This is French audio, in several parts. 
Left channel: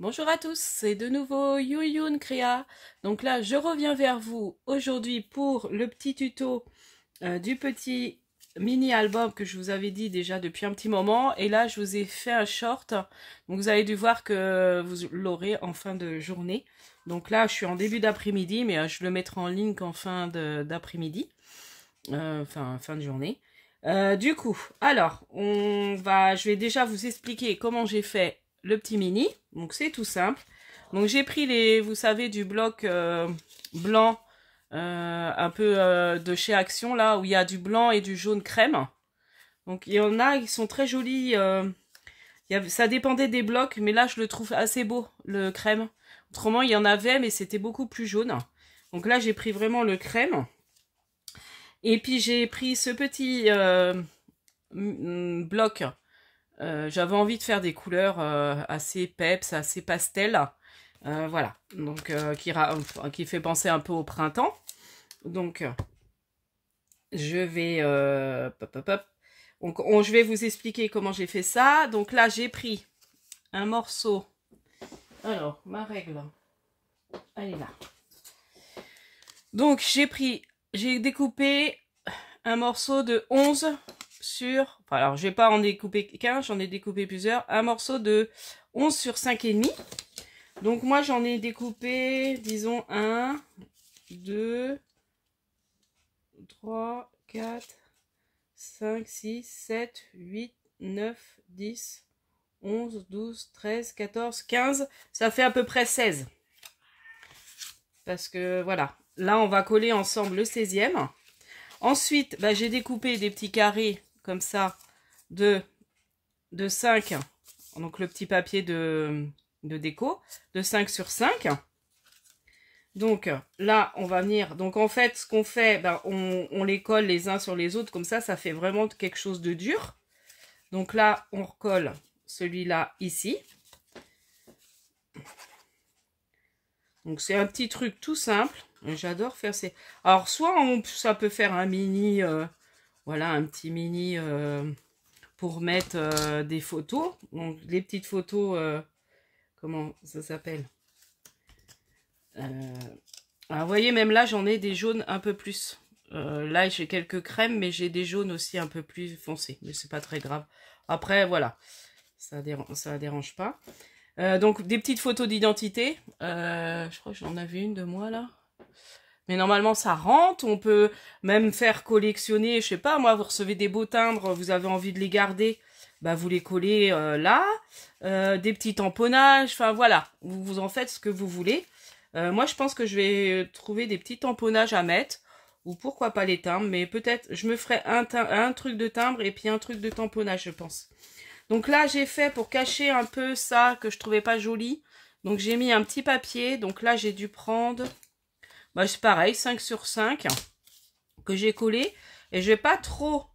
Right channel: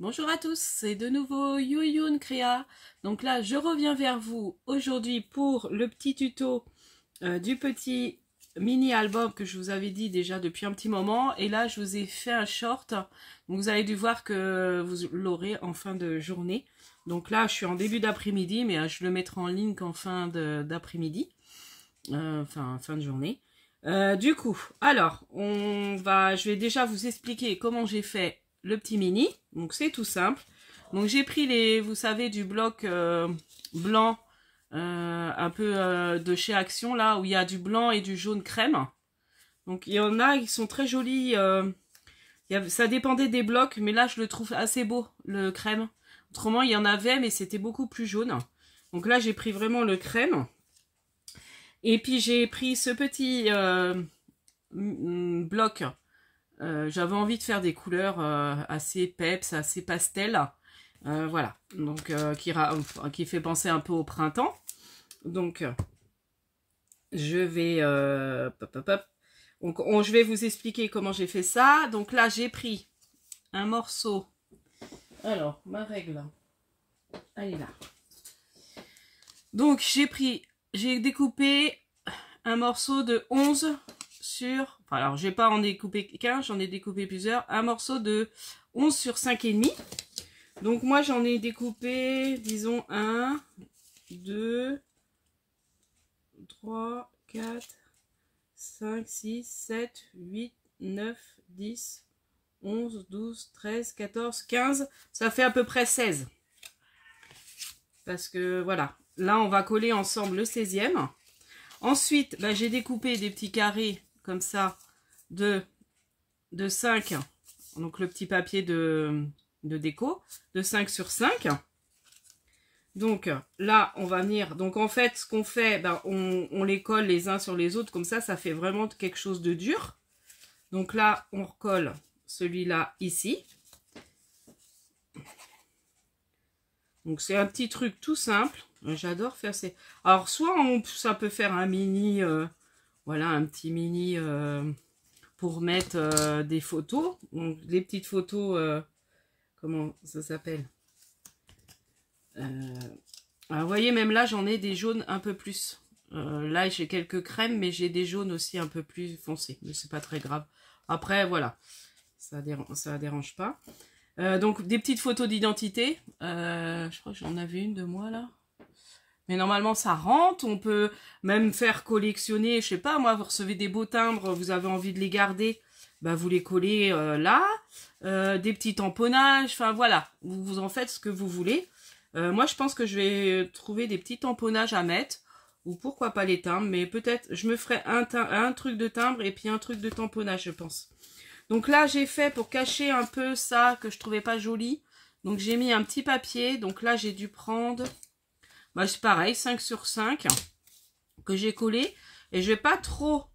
Bonjour à tous, c'est de nouveau Yuyun Créa. Donc là, je reviens vers vous aujourd'hui pour le petit tuto du petit mini album que je vous avais dit déjà depuis un petit moment. Et là, je vous ai fait un short. Donc vous avez dû voir que vous l'aurez en fin de journée. Donc là, je suis en début d'après-midi, mais je le mettrai en ligne qu'en fin d'après-midi. Enfin, fin de journée. Du coup, alors, je vais déjà vous expliquer comment j'ai fait le petit mini. Donc c'est tout simple. Donc j'ai pris vous savez, du bloc blanc, un peu de chez Action, là, où il y a du blanc et du jaune crème. Donc il y en a qui sont très jolis. Ça dépendait des blocs, mais là je le trouve assez beau, le crème. Autrement, il y en avait, mais c'était beaucoup plus jaune. Donc là, j'ai pris vraiment le crème. Et puis j'ai pris ce petit bloc. J'avais envie de faire des couleurs assez peps, assez pastel. Voilà, donc qui fait penser un peu au printemps. Donc je vais je vais vous expliquer comment j'ai fait ça. Donc là, j'ai pris un morceau. Alors, ma règle, elle est là. Donc j'ai découpé un morceau de 11 sur... Enfin, alors, je vais pas en découper qu'un, j'en ai découpé plusieurs. Un morceau de 11 sur 5,5. Donc, moi, j'en ai découpé, disons, 1, 2, 3, 4, 5, 6, 7, 8, 9, 10, 11, 12, 13, 14, 15. Ça fait à peu près 16. Parce que, voilà. Là, on va coller ensemble le 16e. Ensuite, j'ai découpé des petits carrés comme ça de 5. Donc, le petit papier de déco de 5 sur 5. Donc, là, on va venir... Donc, en fait, ce qu'on fait, on les colle les uns sur les autres. Comme ça fait vraiment quelque chose de dur. Donc là, on recolle celui-là ici. Donc, c'est un petit truc tout simple. J'adore faire ces... Alors, soit ça peut faire un mini... voilà, un petit mini pour mettre des photos. Donc, les petites photos... comment ça s'appelle? Alors, vous voyez, même là, j'en ai des jaunes un peu plus. Là, j'ai quelques crèmes, mais j'ai des jaunes aussi un peu plus foncés. Mais c'est pas très grave. Après, voilà. Ça dérange pas. Donc, des petites photos d'identité. Je crois que j'en avais une de moi, là. Mais normalement, ça rentre. On peut même faire collectionner. Je sais pas, moi, vous recevez des beaux timbres, vous avez envie de les garder. Vous les collez là. Des petits tamponnages. Enfin, voilà. Vous en faites ce que vous voulez. Moi, je pense que je vais trouver des petits tamponnages à mettre. Ou pourquoi pas les timbres. Mais peut-être, je me ferai un truc de timbre et puis un truc de tamponnage, je pense. Donc là, j'ai fait pour cacher un peu ça que je trouvais pas joli. Donc j'ai mis un petit papier. Donc là, j'ai dû prendre... c'est pareil, 5 sur 5 que j'ai collé. Et je vais pas trop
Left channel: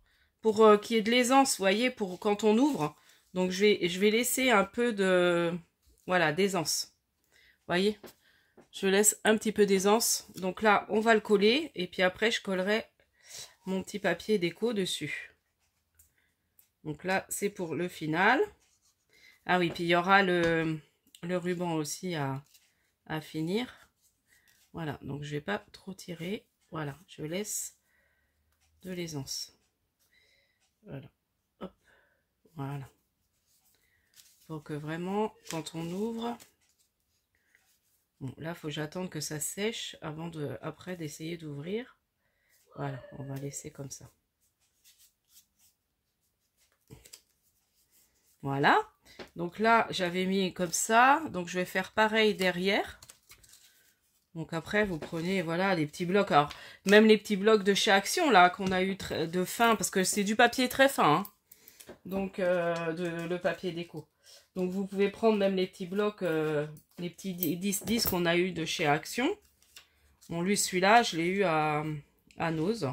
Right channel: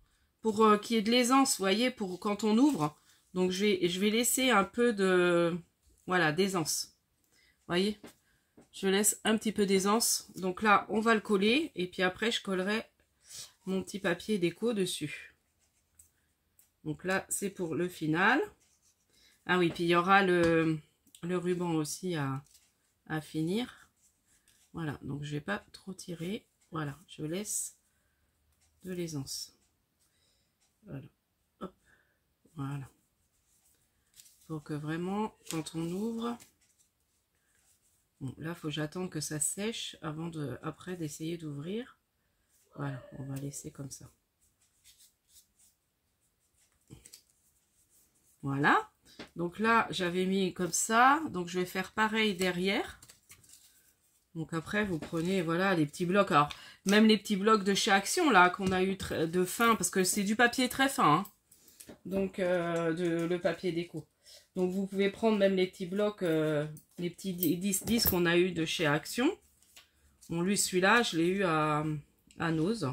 pour qu'il y ait de l'aisance, vous voyez, pour quand on ouvre. Donc je vais laisser un peu de... Voilà, d'aisance. Vous voyez, je laisse un petit peu d'aisance. Donc là, on va le coller. Et puis après, je collerai mon petit papier déco dessus. Donc là, c'est pour le final. Ah oui, puis il y aura le ruban aussi à finir. Voilà, donc je vais pas trop tirer. Voilà, je laisse de l'aisance. Voilà, hop, voilà. Pour que vraiment, quand on ouvre... Bon, là, il faut que j'attende que ça sèche avant après d'essayer d'ouvrir. Voilà, on va laisser comme ça. Voilà. Donc là, j'avais mis comme ça. Donc, je vais faire pareil derrière. Donc après, vous prenez, voilà, les petits blocs. Alors, même les petits blocs de chez Action, là, qu'on a eu de fin, parce que c'est du papier très fin. Hein. Donc, le papier déco. Donc, vous pouvez prendre même les petits blocs, les petits 10 qu'on a eu de chez Action. Bon, lui, celui-là, je l'ai eu à Nose.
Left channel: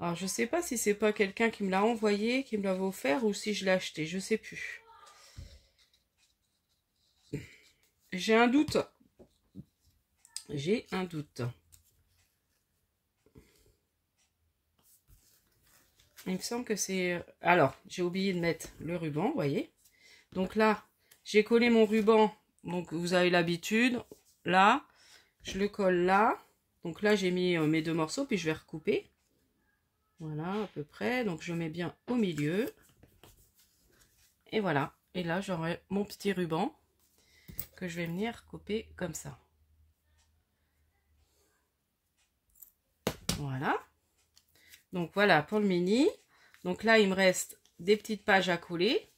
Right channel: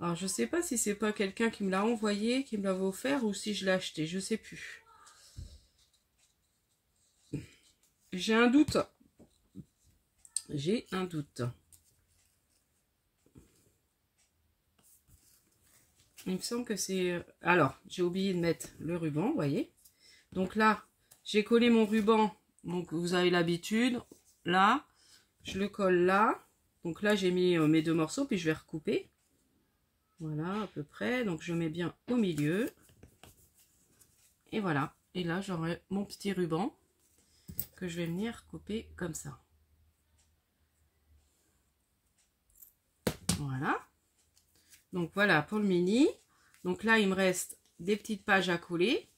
Alors, je sais pas si c'est pas quelqu'un qui me l'a envoyé, qui me l'avait offert, ou si je l'ai acheté, je sais plus. J'ai un doute. J'ai un doute. Il me semble que c'est... Alors, j'ai oublié de mettre le ruban, vous voyez. Donc là, J'ai collé mon ruban, donc vous avez l'habitude. Là, je le colle là. Donc là, j'ai mis mes 2 morceaux, puis je vais recouper. Voilà, à peu près. Donc je mets bien au milieu. Et voilà. Et là, j'aurai mon petit ruban que je vais venir couper comme ça. Voilà. Donc voilà pour le mini. Donc là, il me reste des petites pages à coller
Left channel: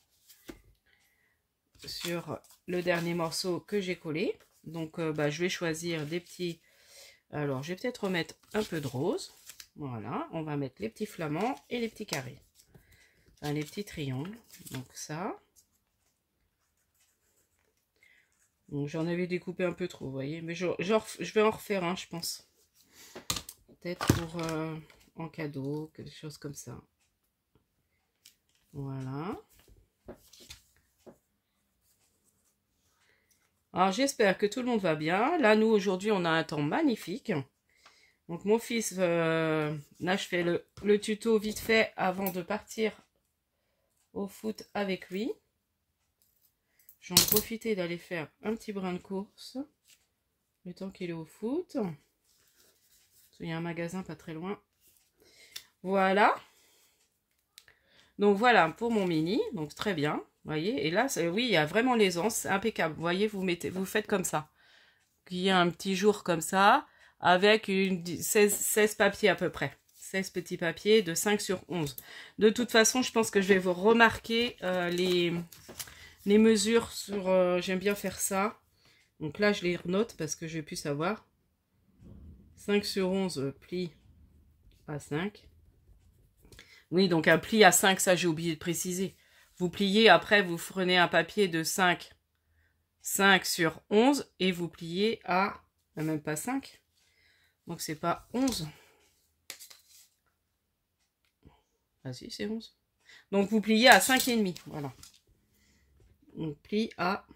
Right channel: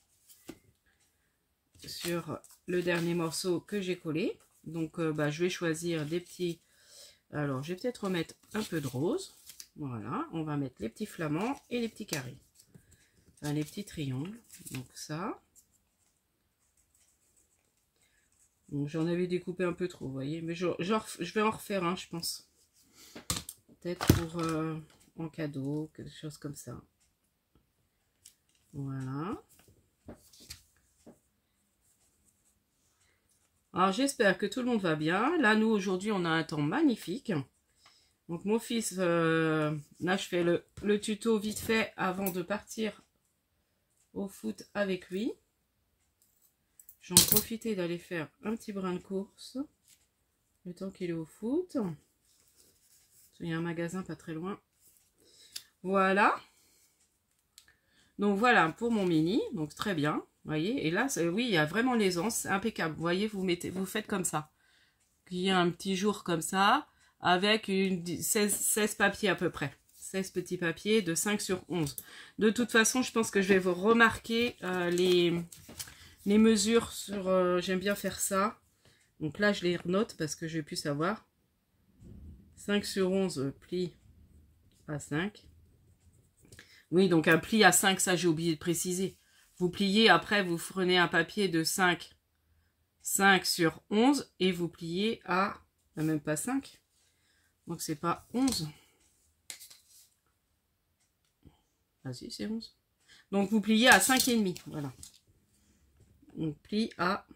sur le dernier morceau que j'ai collé. Donc je vais choisir des petits. Alors, je vais peut-être remettre un peu de rose. Voilà, on va mettre les petits flamants et les petits carrés. Enfin, les petits triangles. Donc ça. Donc j'en avais découpé un peu trop, vous voyez. Mais je vais en refaire un, je pense. Peut-être pour en cadeau, quelque chose comme ça. Voilà. Alors j'espère que tout le monde va bien. Là, nous, aujourd'hui, on a un temps magnifique. Donc mon fils, là, je fais le tuto vite fait avant de partir au foot avec lui. J'en profite d'aller faire un petit brin de course. Le temps qu'il est au foot. Il y a un magasin pas très loin. Voilà. Donc voilà pour mon mini. Donc très bien. Vous voyez. Et là, oui, il y a vraiment l'aisance. C'est impeccable. Vous voyez, vous faites comme ça. Il y a un petit jour comme ça. Avec 16 papiers à peu près. 16 petits papiers de 5 sur 11. De toute façon, je pense que je vais vous remarquer les mesures sur... J'aime bien faire ça. Donc là, je les note parce que je vais plus savoir. 5 sur 11 plis à 5. Oui, donc un pli à 5, ça j'ai oublié de préciser. Vous pliez, après vous prenez un papier de 5 sur 11 et vous pliez à même pas 5. Donc c'est pas 11. Ah si, c'est 11. Donc vous pliez à 5,5. Voilà. On plie à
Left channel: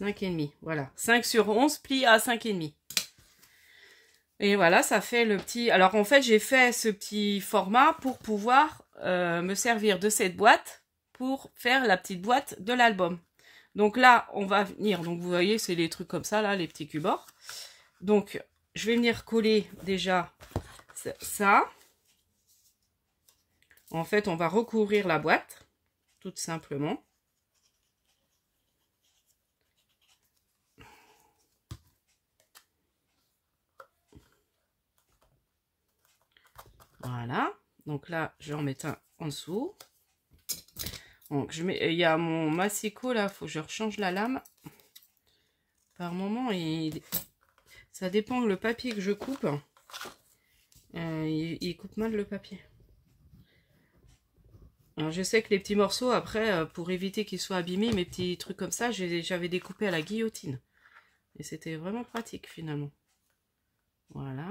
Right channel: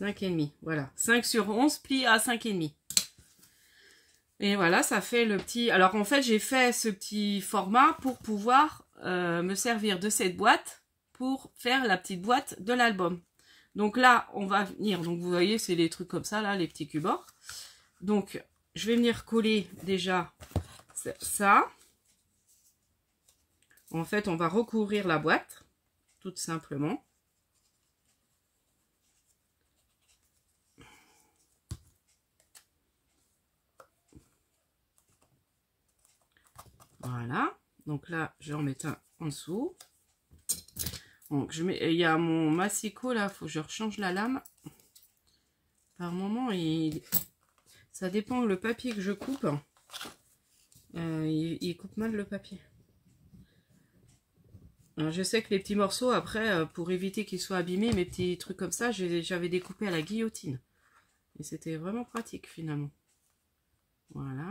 5,5. Voilà. 5 sur 11 plie à 5,5. Et voilà, ça fait le petit... Alors en fait, j'ai fait ce petit format pour pouvoir me servir de cette boîte pour faire la petite boîte de l'album. Donc là, on va venir... Donc vous voyez, c'est les trucs comme ça, là, les petits cubes. Donc, je vais venir coller déjà ça. En fait, on va recouvrir la boîte, tout simplement. Voilà. Donc là, je vais en mettre un en dessous. Donc, il y a mon massicot là, il faut que je rechange la lame. Par moment, ça dépend le papier que je coupe. Il coupe mal le papier. Alors, je sais que les petits morceaux, après, pour éviter qu'ils soient abîmés, mes petits trucs comme ça, j'avais découpé à la guillotine. Et c'était vraiment pratique finalement. Voilà.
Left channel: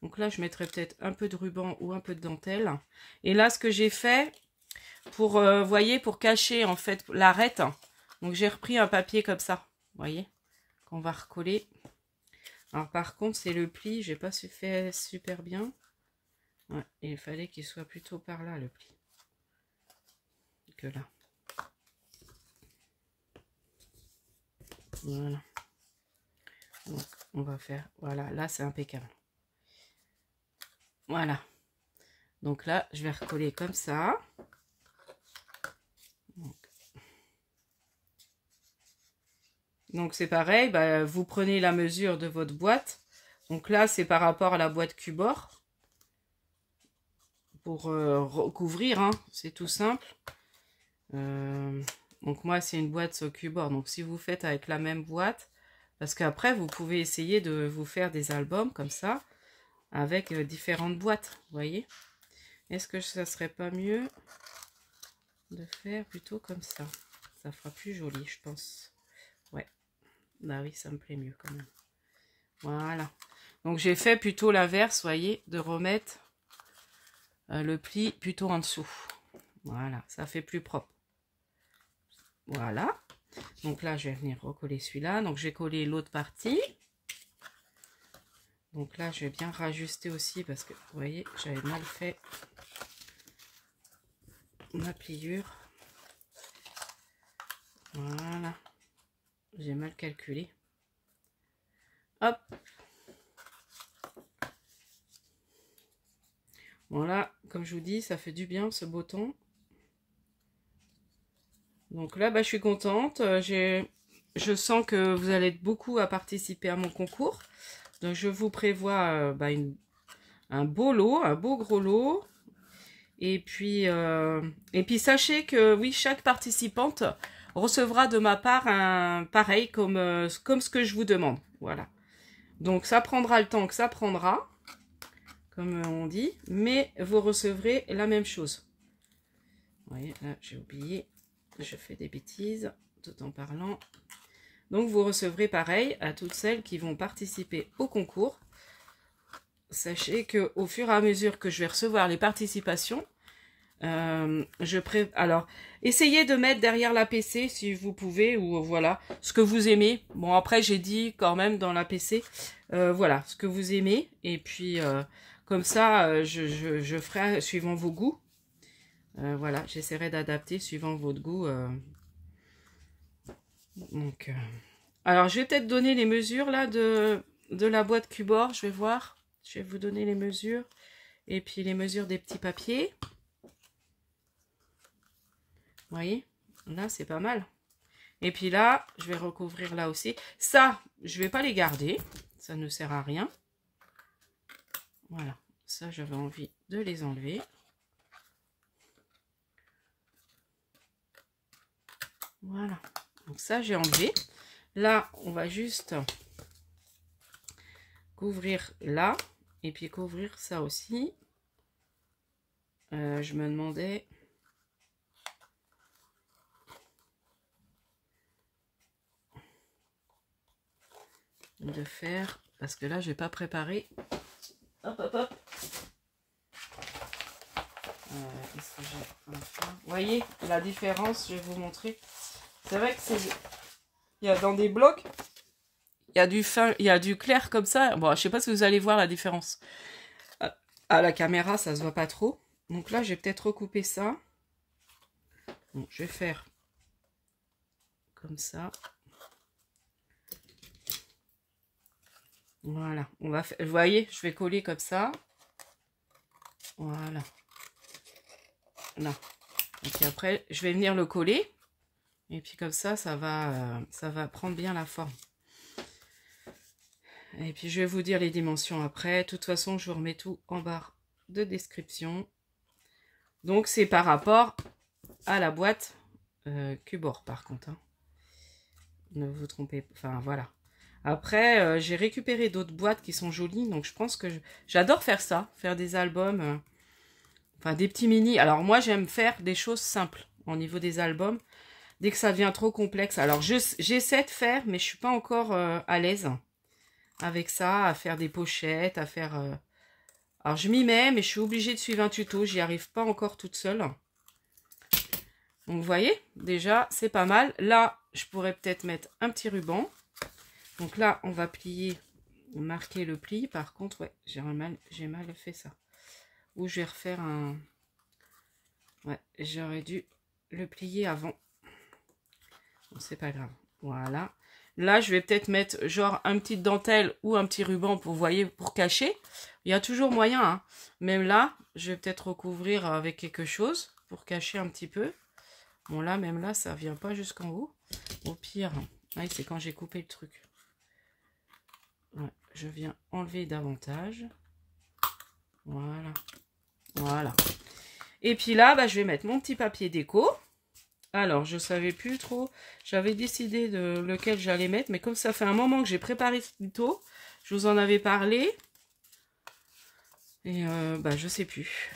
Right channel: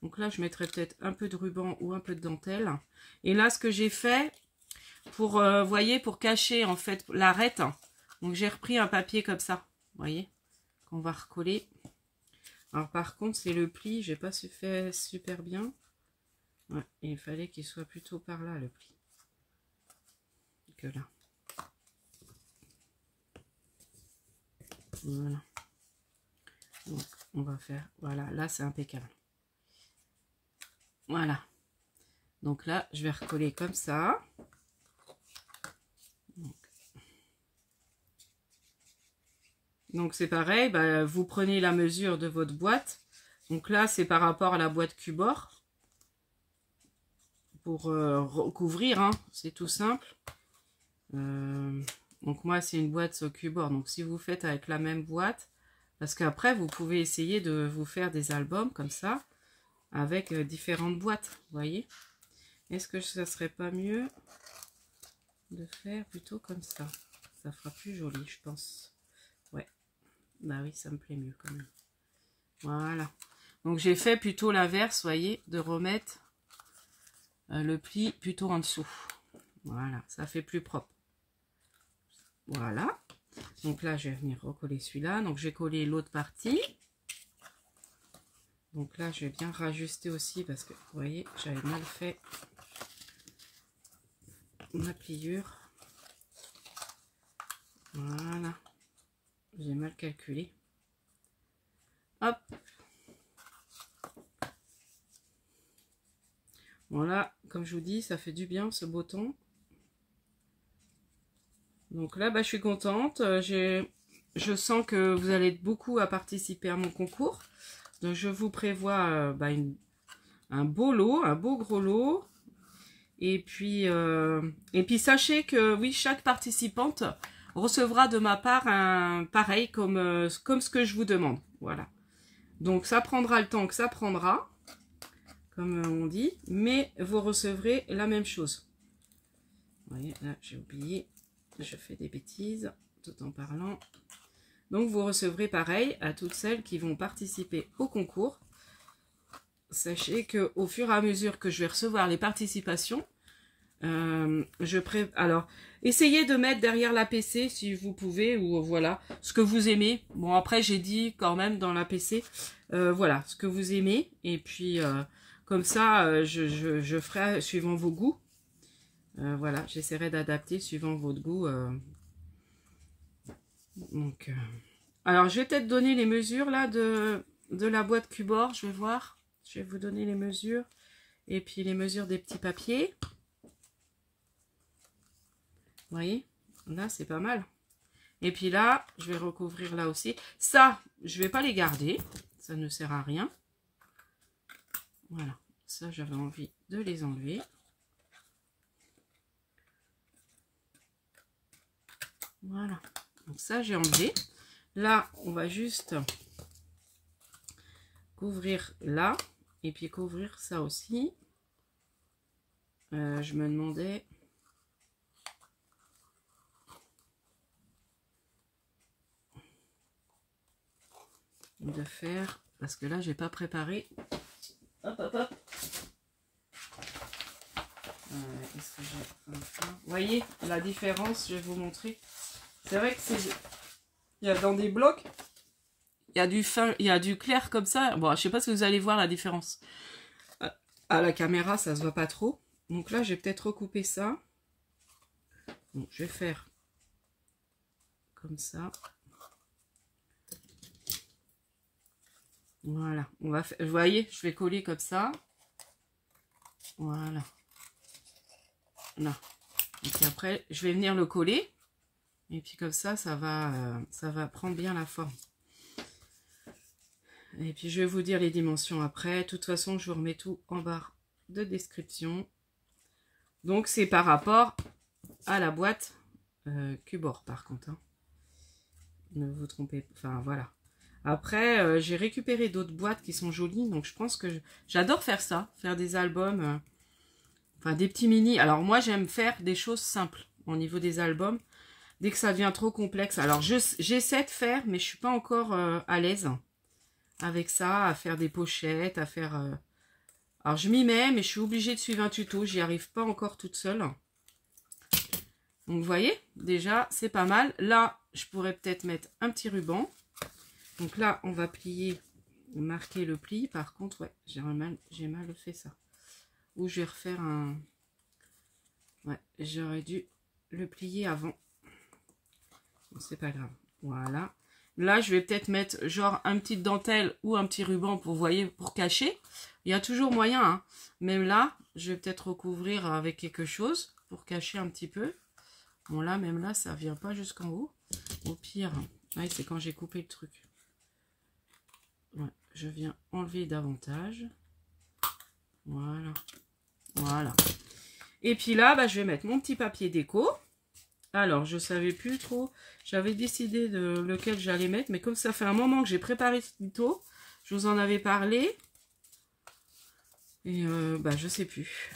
Donc là, je mettrai peut-être un peu de ruban ou un peu de dentelle. Et là, ce que j'ai fait, pour, voyez, pour cacher en fait l'arête, donc j'ai repris un papier comme ça, vous voyez, qu'on va recoller. Alors par contre, c'est le pli, j'ai pas fait super bien. Ouais, il fallait qu'il soit plutôt par là, le pli, que là. Voilà. Donc, on va faire, voilà, là c'est impeccable. Voilà. Donc là, je vais recoller comme ça. Donc c'est pareil, bah, vous prenez la mesure de votre boîte. Donc là, c'est par rapport à la boîte Cubor. Pour recouvrir, hein, c'est tout simple. Donc moi, c'est une boîte Cubor. Donc si vous faites avec la même boîte, parce qu'après, vous pouvez essayer de vous faire des albums comme ça, avec différentes boîtes, vous voyez. Est-ce que ça serait pas mieux de faire plutôt comme ça? Ça fera plus joli, je pense. Ouais. Bah oui, ça me plaît mieux quand même. Voilà. Donc j'ai fait plutôt l'inverse, voyez, de remettre le pli plutôt en dessous. Voilà, ça fait plus propre. Voilà. Donc là, je vais venir recoller celui-là. Donc j'ai collé l'autre partie. Donc là, je vais bien rajuster aussi parce que, vous voyez, j'avais mal fait ma pliure. Voilà. J'ai mal calculé. Hop. Voilà, comme je vous dis, ça fait du bien ce beau temps. Donc là, bah, je suis contente. Je sens que vous allez être beaucoup à participer à mon concours. Donc je vous prévois un beau lot, un beau gros lot. Et puis sachez que oui, chaque participante recevra de ma part un pareil comme ce que je vous demande. Voilà. Donc ça prendra le temps que ça prendra, comme on dit, mais vous recevrez la même chose. Vous voyez, là j'ai oublié, je fais des bêtises tout en parlant. Donc vous recevrez pareil à toutes celles qui vont participer au concours. Sachez que au fur et à mesure que je vais recevoir les participations, alors essayez de mettre derrière la PC si vous pouvez, ou voilà ce que vous aimez. Bon, après j'ai dit quand même dans la PC voilà ce que vous aimez, et puis comme ça je ferai suivant vos goûts. Voilà, j'essaierai d'adapter suivant votre goût. Donc alors je vais peut-être donner les mesures là de la boîte Cubor. Je vais voir, je vais vous donner les mesures et puis les mesures des petits papiers. Vous voyez, là c'est pas mal. Et puis là, je vais recouvrir là aussi. Ça, je vais pas les garder. Ça ne sert à rien. Voilà. Ça, j'avais envie de les enlever. Voilà. Donc ça, j'ai enlevé. Là, on va juste couvrir là. Et puis couvrir ça aussi. Je me demandais... de faire, parce que là j'ai pas préparé. Hop hop hop. Qu'est-ce que j'ai à faire? Vous voyez la différence, je vais vous montrer. C'est vrai que c'est, il y a dans des blocs, il y a du fin, il y a du clair comme ça. Bon, je sais pas si vous allez voir la différence. À la caméra ça se voit pas trop, donc là j'ai peut-être recoupé ça. Bon, je vais faire comme ça. Voilà, on va faire, vous voyez, je vais coller comme ça. Voilà. Là. Et puis après, je vais venir le coller. Et puis comme ça, ça va prendre bien la forme. Et puis je vais vous dire les dimensions après. De toute façon, je vous remets tout en barre de description. Donc c'est par rapport à la boîte Cubor par contre. Hein. Ne vous trompez pas. Enfin voilà. Après, j'ai récupéré d'autres boîtes qui sont jolies. Donc je pense que j'adore faire ça. Faire des albums. Enfin des petits mini. Alors moi j'aime faire des choses simples au niveau des albums. Dès que ça devient trop complexe. Alors j'essaie de faire, mais je suis pas encore à l'aise avec ça, à faire des pochettes, à faire... Alors je m'y mets, mais je suis obligée de suivre un tuto. J'y arrive pas encore toute seule. Donc vous voyez, déjà c'est pas mal. Là, je pourrais peut-être mettre un petit ruban. Donc là, on va plier, marquer le pli. Par contre, ouais, j'ai mal fait ça. Ou je vais refaire un... Ouais, j'aurais dû le plier avant. Bon, c'est pas grave. Voilà. Là, je vais peut-être mettre genre un petit dentelle ou un petit ruban pour, vous voyez, pour cacher. Il y a toujours moyen. Hein. Même là, je vais peut-être recouvrir avec quelque chose pour cacher un petit peu. Bon, là, même là, ça vient pas jusqu'en haut. Au pire, ouais, c'est quand j'ai coupé le truc. Ouais, je viens enlever davantage. Voilà. Voilà. Et puis là, bah, je vais mettre mon petit papier déco. Alors, je savais plus trop. J'avais décidé de lequel j'allais mettre. Mais comme ça fait un moment que j'ai préparé ce tuto, je vous en avais parlé. Et bah, je sais plus.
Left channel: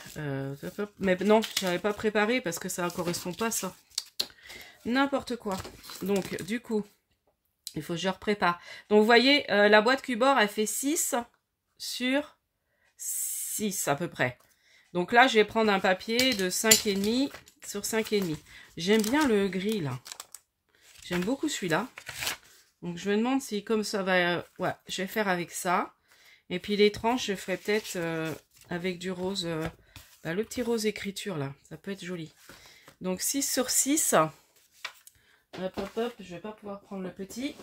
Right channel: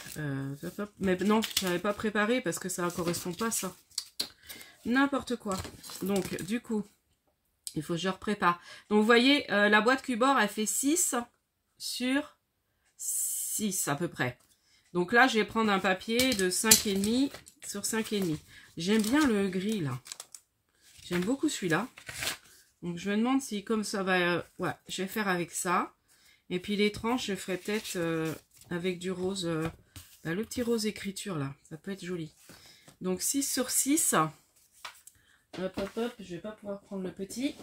Mais non, je n'avais pas préparé parce que ça ne correspond pas à ça. N'importe quoi. Donc, du coup, il faut que je reprépare. Donc, vous voyez, la boîte Cubor, elle fait 6 sur 6 à peu près. Donc là, je vais prendre un papier de 5,5 sur 5,5. J'aime bien le gris, là. J'aime beaucoup celui-là. Donc, je me demande si, comme ça va... ouais, je vais faire avec ça. Et puis, les tranches, je ferai peut-être avec du rose... le petit rose écriture, là. Ça peut être joli. Donc, 6 sur 6. Hop, hop, hop, je vais pas pouvoir prendre le petit.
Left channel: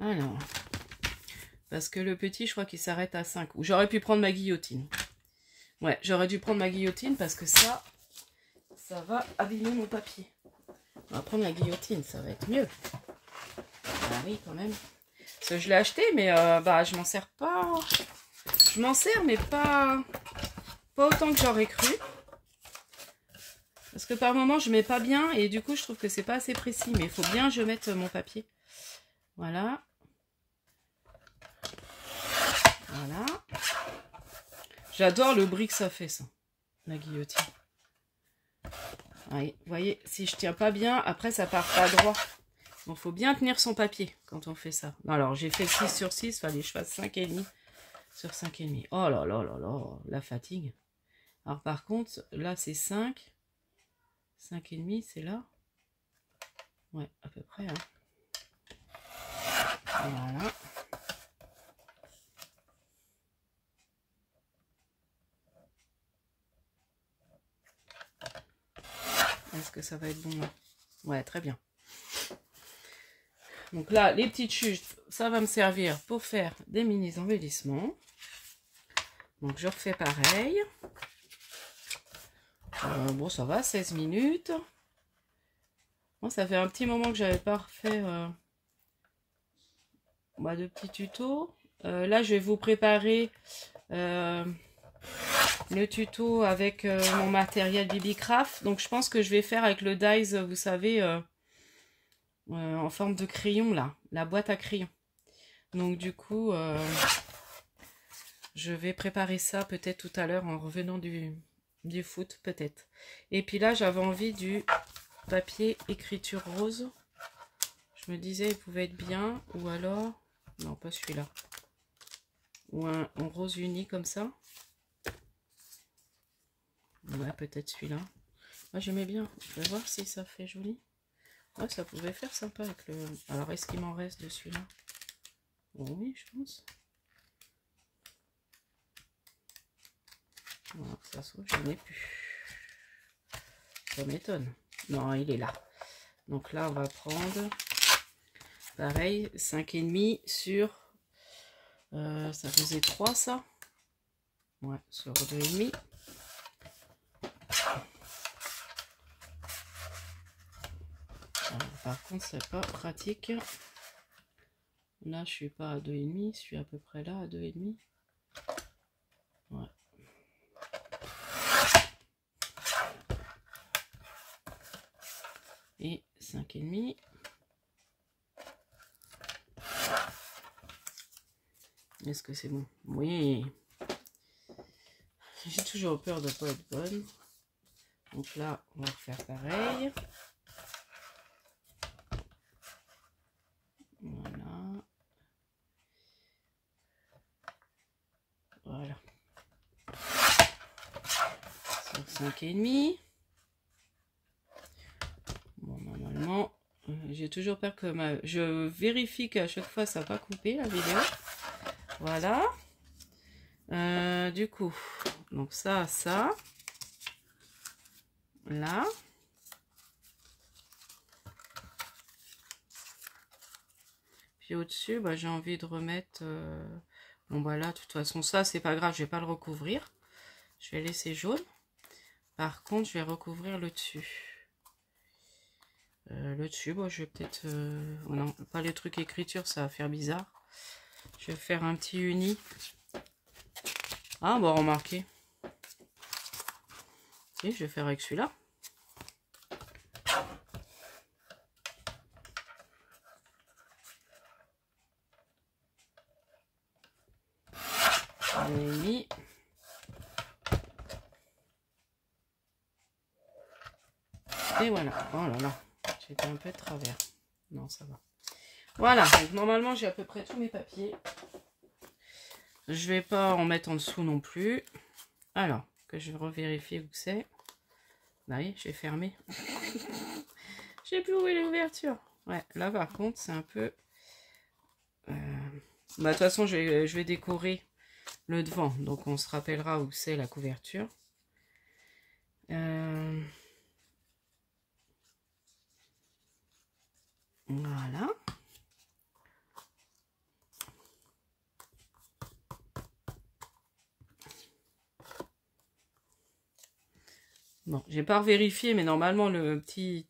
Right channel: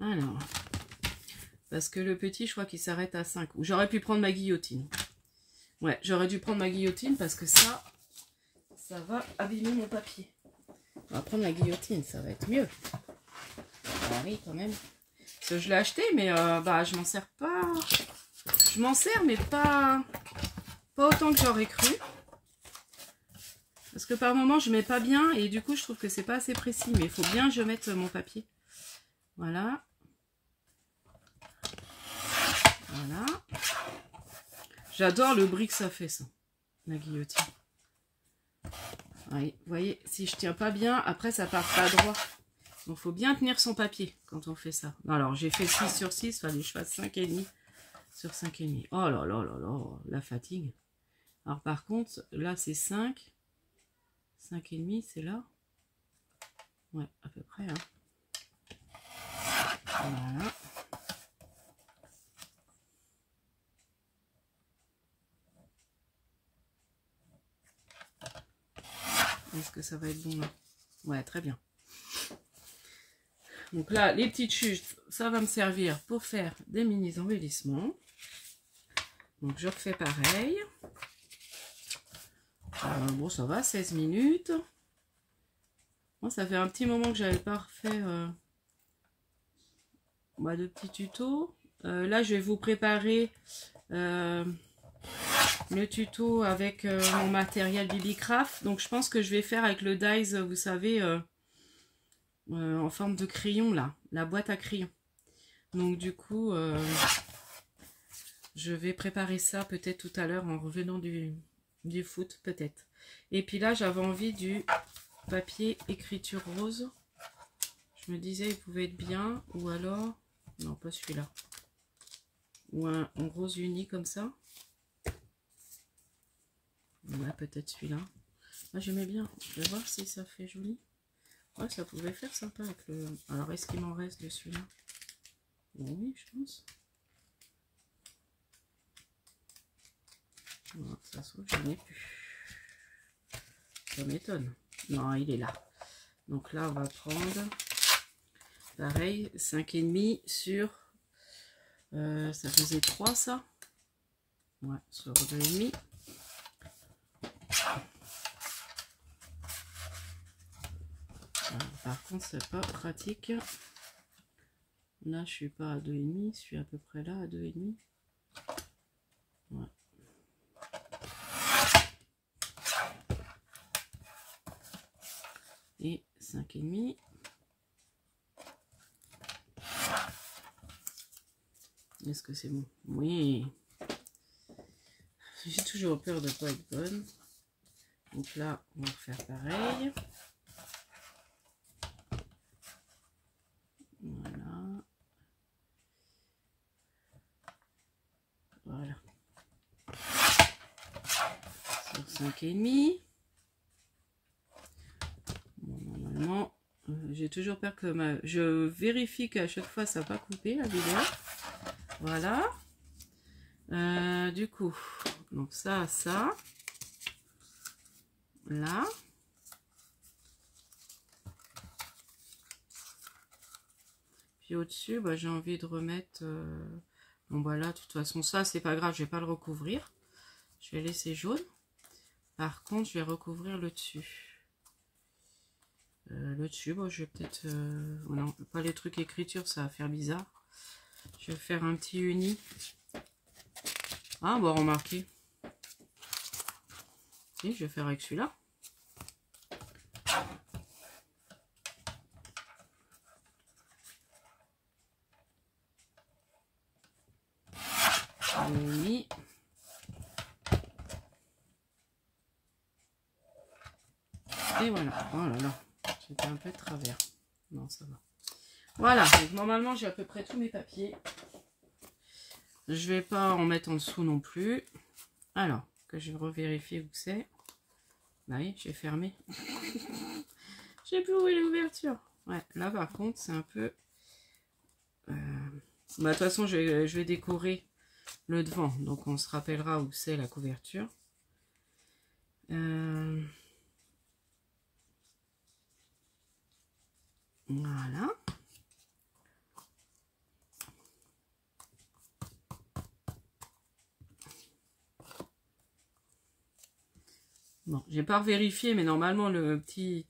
Alors, parce que le petit, je crois qu'il s'arrête à 5. Ou j'aurais pu prendre ma guillotine. Ouais, j'aurais dû prendre ma guillotine parce que ça va abîmer mon papier. On va prendre la guillotine, ça va être mieux. Ah oui, quand même. Parce que je l'ai acheté, mais bah, je m'en sers pas. Je m'en sers, mais pas autant que j'aurais cru. Parce que par moment, je mets pas bien et du coup, je trouve que c'est pas assez précis. Mais il faut bien que je mette mon papier. Voilà. Voilà. J'adore le bruit que ça fait, ça. La guillotine. Oui, vous voyez, si je tiens pas bien, après, ça part pas droit. Donc, il faut bien tenir son papier quand on fait ça. Alors, j'ai fait 6 sur 6, il fallait que je fasse 5,5 sur 5,5. Oh là là là là, la fatigue. Alors, par contre, là, c'est 5. 5,5, c'est là. Ouais, à peu près. Hein. Voilà. Est-ce que ça va être bon là? Ouais, très bien. Donc là, les petites chuches, ça va me servir pour faire des mini embellissements. Donc je refais pareil. Bon, ça va, 16 minutes. Moi, ça fait un petit moment que j'avais pas refait de petits tutos. Là, je vais vous préparer le tuto avec mon matériel BB-Craft. Donc, je pense que je vais faire avec le dies, vous savez, en forme de crayon, là. La boîte à crayon. Donc, du coup, je vais préparer ça peut-être tout à l'heure en revenant du foot, peut-être. Et puis là, j'avais envie du papier écriture rose. Je me disais, il pouvait être bien. Ou alors, non, pas celui-là. Ou un rose uni comme ça. Ouais, peut-être celui-là. Moi, j'aimais bien. Je vais voir si ça fait joli. Ouais, ça pouvait faire sympa avec le... Alors, est-ce qu'il m'en reste de celui-là? Oui, je pense. Non, ça se trouve, je n'ai plus. Ça m'étonne. Non, il est là. Donc là, on va prendre... Pareil, 5,5 sur... ça faisait 3, ça. Ouais, sur 2,5. Par contre, c'est pas pratique. Là, je suis pas à 2,5. Je suis à peu près là, à 2,5. Ouais. Et 5,5. Est-ce que c'est bon? Oui. J'ai toujours peur de ne pas être bonne. Donc là, on va refaire pareil. Voilà. Voilà. Sur 5,5. Bon, normalement, j'ai toujours peur que je vérifie qu'à chaque fois, ça n'a pas coupé la vidéo. Voilà. Du coup, donc ça, là. Puis au-dessus, bah, j'ai envie de remettre... Bon, voilà, de toute façon, ça, c'est pas grave, je vais pas le recouvrir. Je vais laisser jaune. Par contre, je vais recouvrir le dessus. Le dessus, bon, je vais peut-être... non, pas les trucs écriture, ça va faire bizarre. Je vais faire un petit uni. Ah, bon, remarquez. Et je vais faire avec celui-là. Mis. Et voilà. Oh là là. J'étais un peu de travers. Non, ça va. Voilà. Donc, normalement, j'ai à peu près tous mes papiers. Je vais pas en mettre en dessous non plus. Alors, que je vais revérifier où c'est. Bah oui, j'ai fermé. J'ai plus où est l'ouverture. Ouais, là par contre, c'est un peu... Bah, de toute façon, je vais décorer le devant. Donc on se rappellera où c'est la couverture. Voilà. Bon, j'ai pas vérifié, mais normalement le petit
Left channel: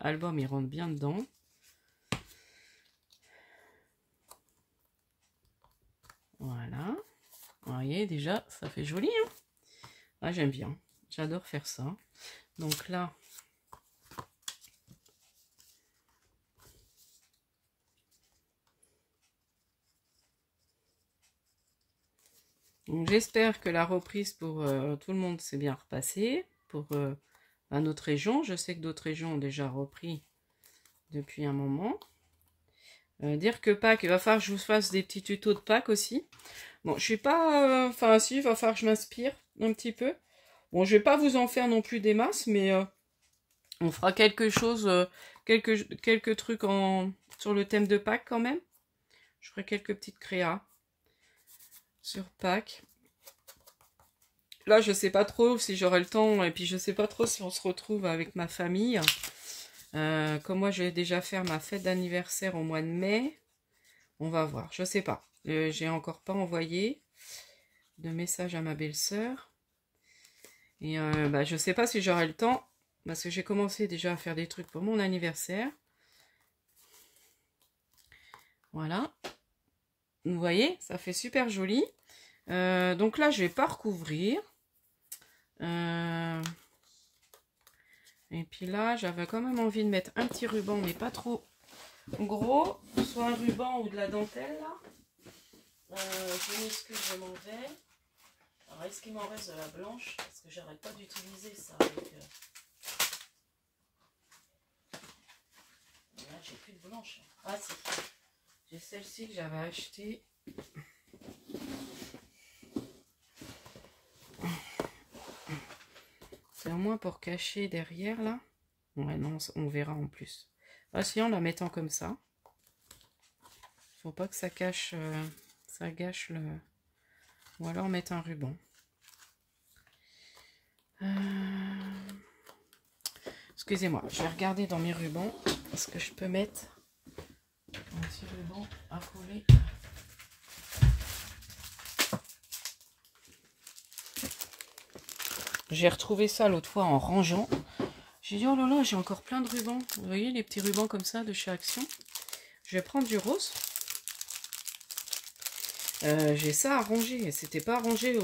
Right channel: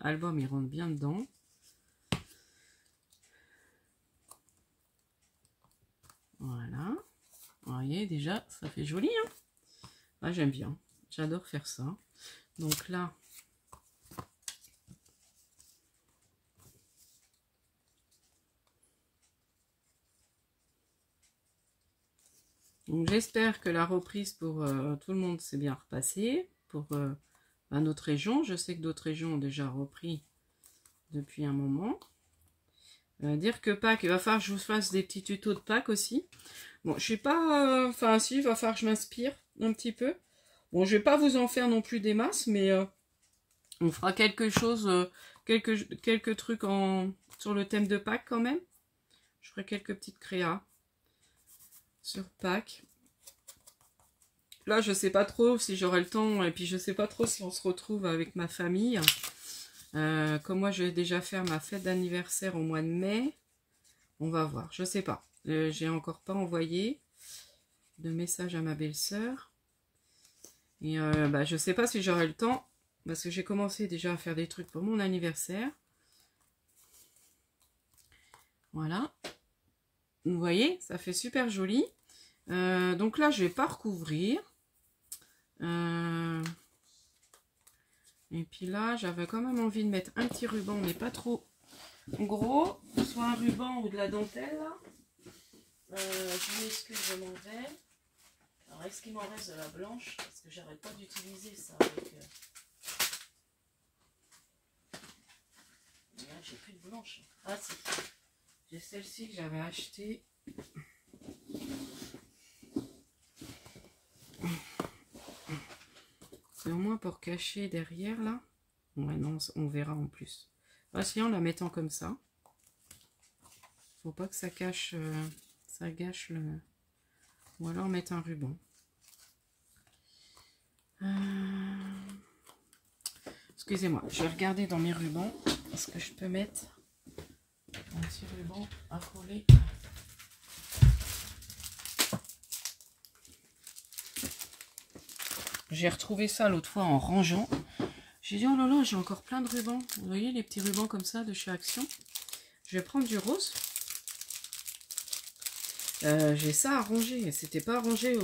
album il rentre bien dedans. Voilà. Vous voyez déjà, ça fait joli, hein. Ah, j'aime bien. J'adore faire ça. Donc là, j'espère que la reprise pour tout le monde s'est bien repassée. Pour notre région, je sais que d'autres régions ont déjà repris depuis un moment. Dire que Pâques, il va falloir que je vous fasse des petits tutos de Pâques aussi. Bon, je suis pas... Enfin, si, il va falloir que je m'inspire un petit peu. Bon, je vais pas vous en faire non plus des masses, mais on fera quelque chose, quelques trucs sur le thème de Pâques quand même. Je ferai quelques petites créas sur Pâques. Là, je sais pas trop si j'aurai le temps, et puis je sais pas trop si on se retrouve avec ma famille. Comme moi, je vais déjà faire ma fête d'anniversaire au mois de mai. On va voir, je sais pas. J'ai encore pas envoyé de message à ma belle-sœur. Et je sais pas si j'aurai le temps, parce que j'ai commencé déjà à faire des trucs pour mon anniversaire. Voilà. Vous voyez, ça fait super joli. Donc là, je vais pas recouvrir. Et puis là, j'avais quand même envie de mettre un petit ruban, mais pas trop gros. Soit un ruban ou de la dentelle, là. Je m'excuse, je m'en vais. Alors, est-ce qu'il m'en reste de la blanche? Parce que j'arrête pas d'utiliser ça avec... J'ai plus de blanche. Ah, si. J'ai celle-ci que j'avais achetée. C'est au moins pour cacher derrière, là. Ouais, non, on verra en plus. Ah, si, en la mettant comme ça. Faut pas que ça cache... ça gâche le... Ou alors mettre un ruban. Excusez-moi, je vais regarder dans mes rubans. Est-ce que je peux mettre un petit ruban à coller? J'ai retrouvé ça l'autre fois en rangeant. J'ai dit, oh là là, j'ai encore plein de rubans. Vous voyez, les petits rubans comme ça de chez Action. Je vais prendre du rose. J'ai ça à ranger. C'était pas rangé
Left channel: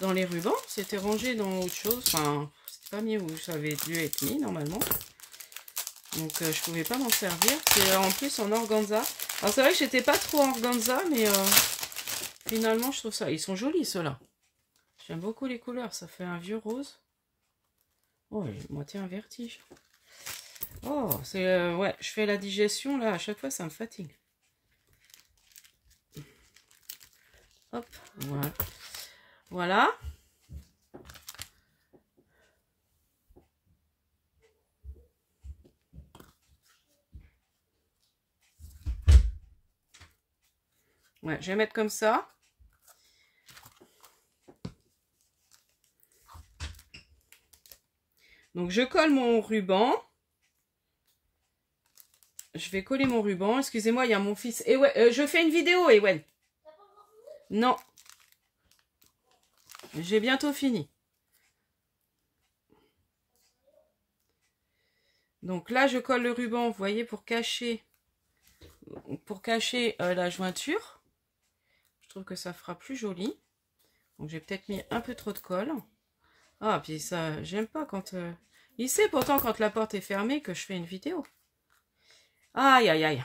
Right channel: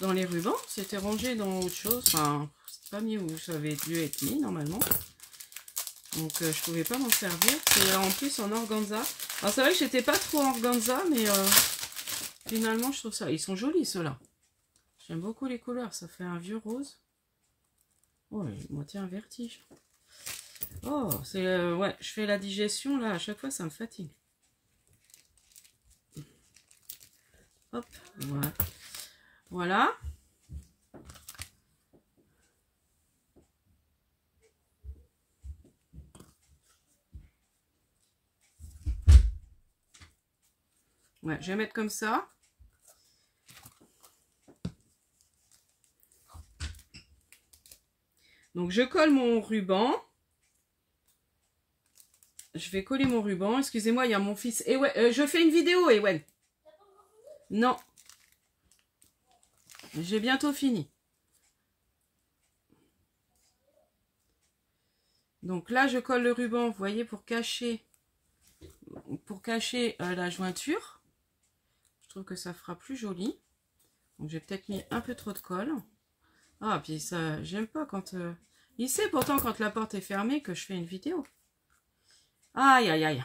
dans les rubans, c'était rangé dans autre chose. Enfin, c'est pas mis où ça avait dû être mis normalement. Donc je pouvais pas m'en servir. C'est en plus en organza. Alors c'est vrai que j'étais pas trop en organza, mais finalement je trouve ça. Ils sont jolis ceux-là. J'aime beaucoup les couleurs. Ça fait un vieux rose. Oh, moitié un vertige. Oh, c'est ouais, je fais la digestion là. À chaque fois, ça me fatigue. Hop, voilà. Voilà. Ouais, je vais mettre comme ça. Donc, je colle mon ruban. Je vais coller mon ruban. Excusez-moi, il y a mon fils. Et ouais, je fais une vidéo, Ewen. Non. J'ai bientôt fini. Donc là, je colle le ruban, vous voyez, pour cacher la jointure. Je trouve que ça fera plus joli. Donc j'ai peut-être mis un peu trop de colle. Ah, puis ça, j'aime pas quand... Il sait pourtant quand la porte est fermée que je fais une vidéo. Aïe, aïe, aïe.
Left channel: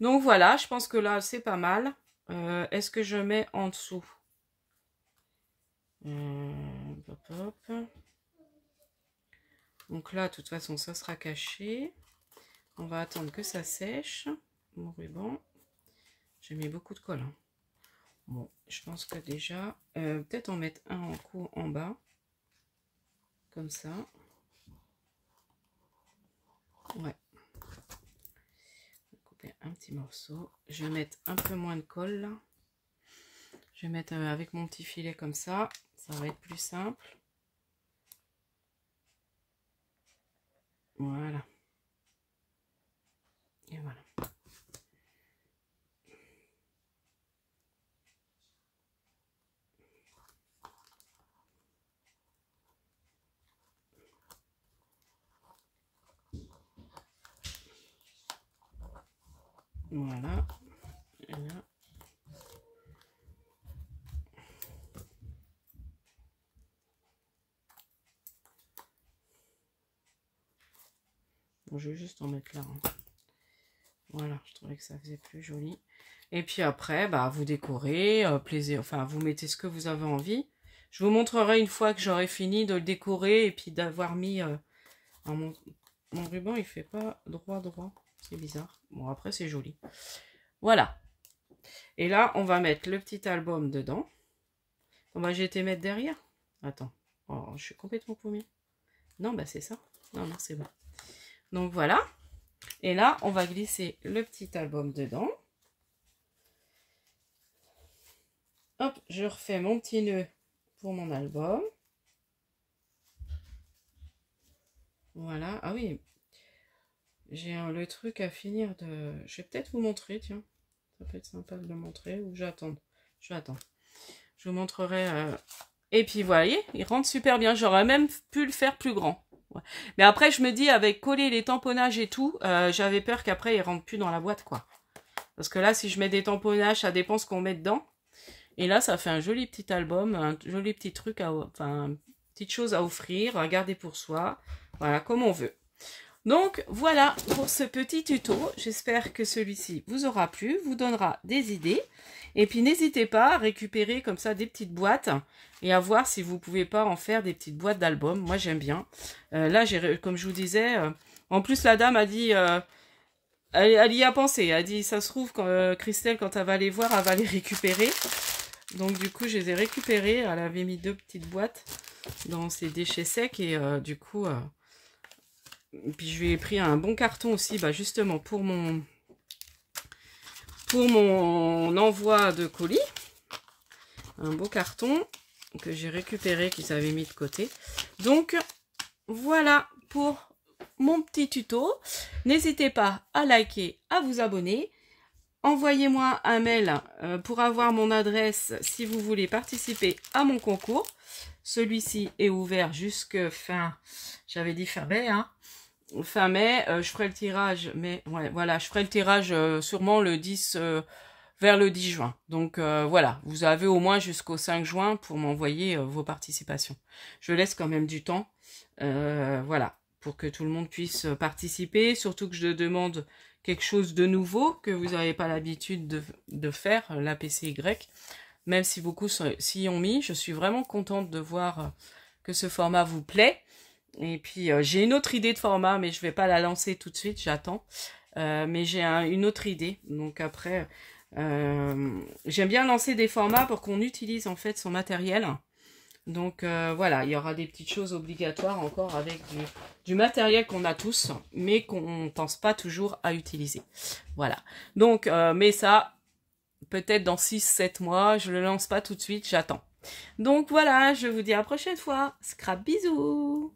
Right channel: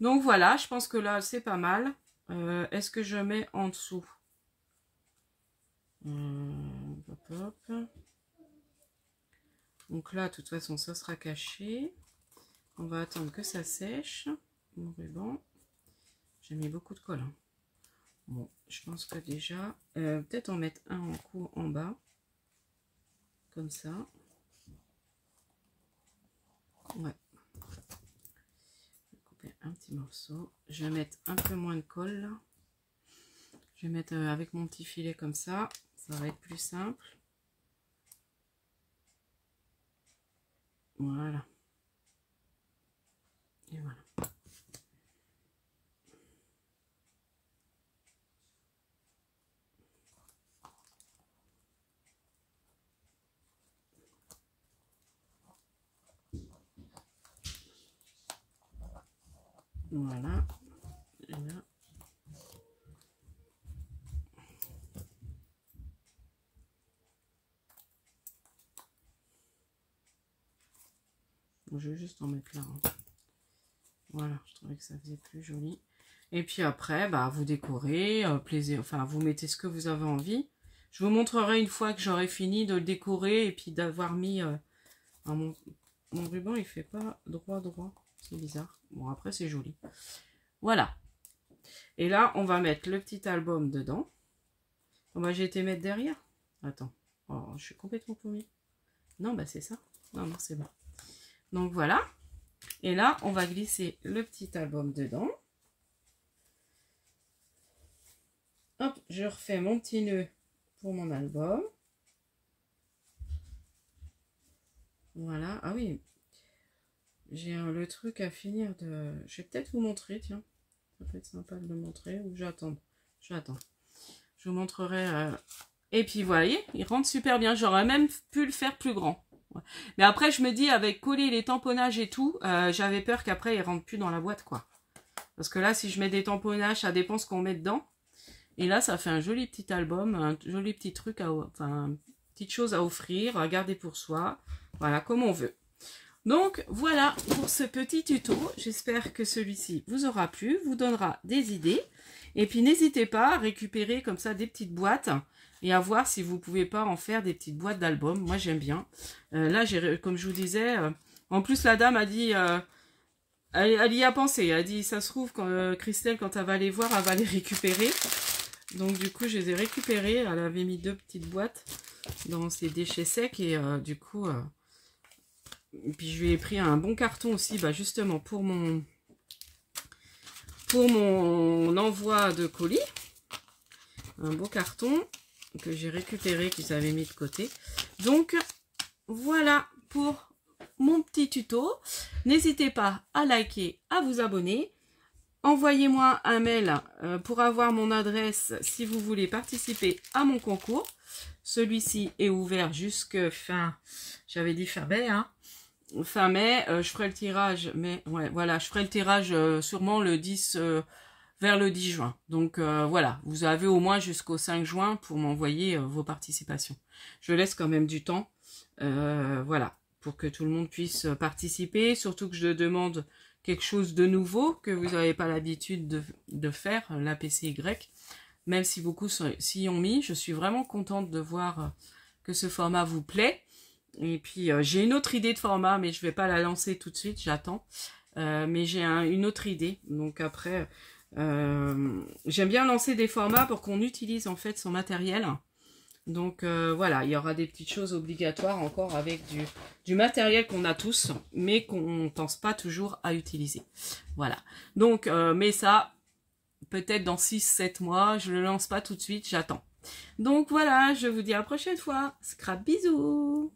Donc voilà, je pense que là, c'est pas mal. Est-ce que je mets en dessous? Hop, hop. Donc là, de toute façon, ça sera caché. On va attendre que ça sèche. Mon ruban. J'ai mis beaucoup de colle. Hein. Bon, je pense que déjà... peut-être en mettre un en coup en bas. Comme ça. Ouais. Couper un petit morceau. Je vais mettre un peu moins de colle là. Je vais mettre avec mon petit filet comme ça va être plus simple. Voilà. Et voilà. Voilà. Et là. Bon, je vais juste en mettre là. Hein. Voilà, je trouvais que ça faisait plus joli. Et puis après, bah, vous décorez, plaisir, enfin, vous mettez ce que vous avez envie. Je vous montrerai une fois que j'aurai fini de le décorer et puis d'avoir mis... mon ruban, il fait pas droit. C'est bizarre. Bon, après, c'est joli. Voilà. Et là, on va mettre le petit album dedans. Bon, bah, j'ai été mettre derrière. Attends. Oh, je suis complètement paumée. Non, bah, c'est ça. Non, c'est bon. Donc, voilà. Et là, on va glisser le petit album dedans. Hop, je refais mon petit nœud pour mon album. Voilà. Ah oui. J'ai le truc à finir de... Je vais peut-être vous montrer, tiens. Ça peut être sympa de le montrer. Ou j'attends. Je vous montrerai. Et puis, vous voyez, il rentre super bien. J'aurais même pu le faire plus grand. Ouais. Mais après, je me dis, avec coller les tamponnages et tout, j'avais peur qu'après, il rentre plus dans la boîte, quoi. Parce que là, si je mets des tamponnages, ça dépend ce qu'on met dedans. Et là, ça fait un joli petit album, un joli petit truc, enfin, petite chose à offrir, à garder pour soi. Voilà, comme on veut. Donc, voilà pour ce petit tuto. J'espère que celui-ci vous aura plu, vous donnera des idées. Et puis, n'hésitez pas à récupérer comme ça des petites boîtes et à voir si vous pouvez pas en faire des petites boîtes d'albums. Moi, j'aime bien. Là, comme je vous disais, en plus, la dame a dit... elle y a pensé. Elle a dit, ça se trouve, Christelle, quand elle va les voir, elle va les récupérer. Donc, du coup, je les ai récupérées. Elle avait mis 2 petites boîtes dans ses déchets secs. Et du coup... puis je lui ai pris un bon carton aussi, bah justement pour mon envoi de colis. Un beau carton que j'ai récupéré, qu'ils avaient mis de côté. Donc voilà pour mon petit tuto. N'hésitez pas à liker, à vous abonner. Envoyez-moi un mail pour avoir mon adresse si vous voulez participer à mon concours. Celui-ci est ouvert jusque fin, j'avais dit fin mai, hein. Fin mai, je ferai le tirage, mais ouais, voilà, je ferai le tirage sûrement le 10, vers le 10 juin. Donc voilà, vous avez au moins jusqu'au 5 juin pour m'envoyer vos participations. Je laisse quand même du temps, voilà, pour que tout le monde puisse participer, surtout que je demande quelque chose de nouveau que vous n'avez pas l'habitude de faire, la PCY, même si beaucoup s'y ont mis. Je suis vraiment contente de voir que ce format vous plaît. Et puis, j'ai une autre idée de format, mais je ne vais pas la lancer tout de suite, j'attends. Mais j'ai une autre idée. Donc après, j'aime bien lancer des formats pour qu'on utilise en fait son matériel. Donc voilà, il y aura des petites choses obligatoires encore avec du matériel qu'on a tous, mais qu'on ne pense pas toujours à utiliser. Voilà. Donc, mais ça, peut-être dans 6-7 mois, je ne le lance pas tout de suite, j'attends. Donc voilà, je vous dis à la prochaine fois. Scrap, bisous!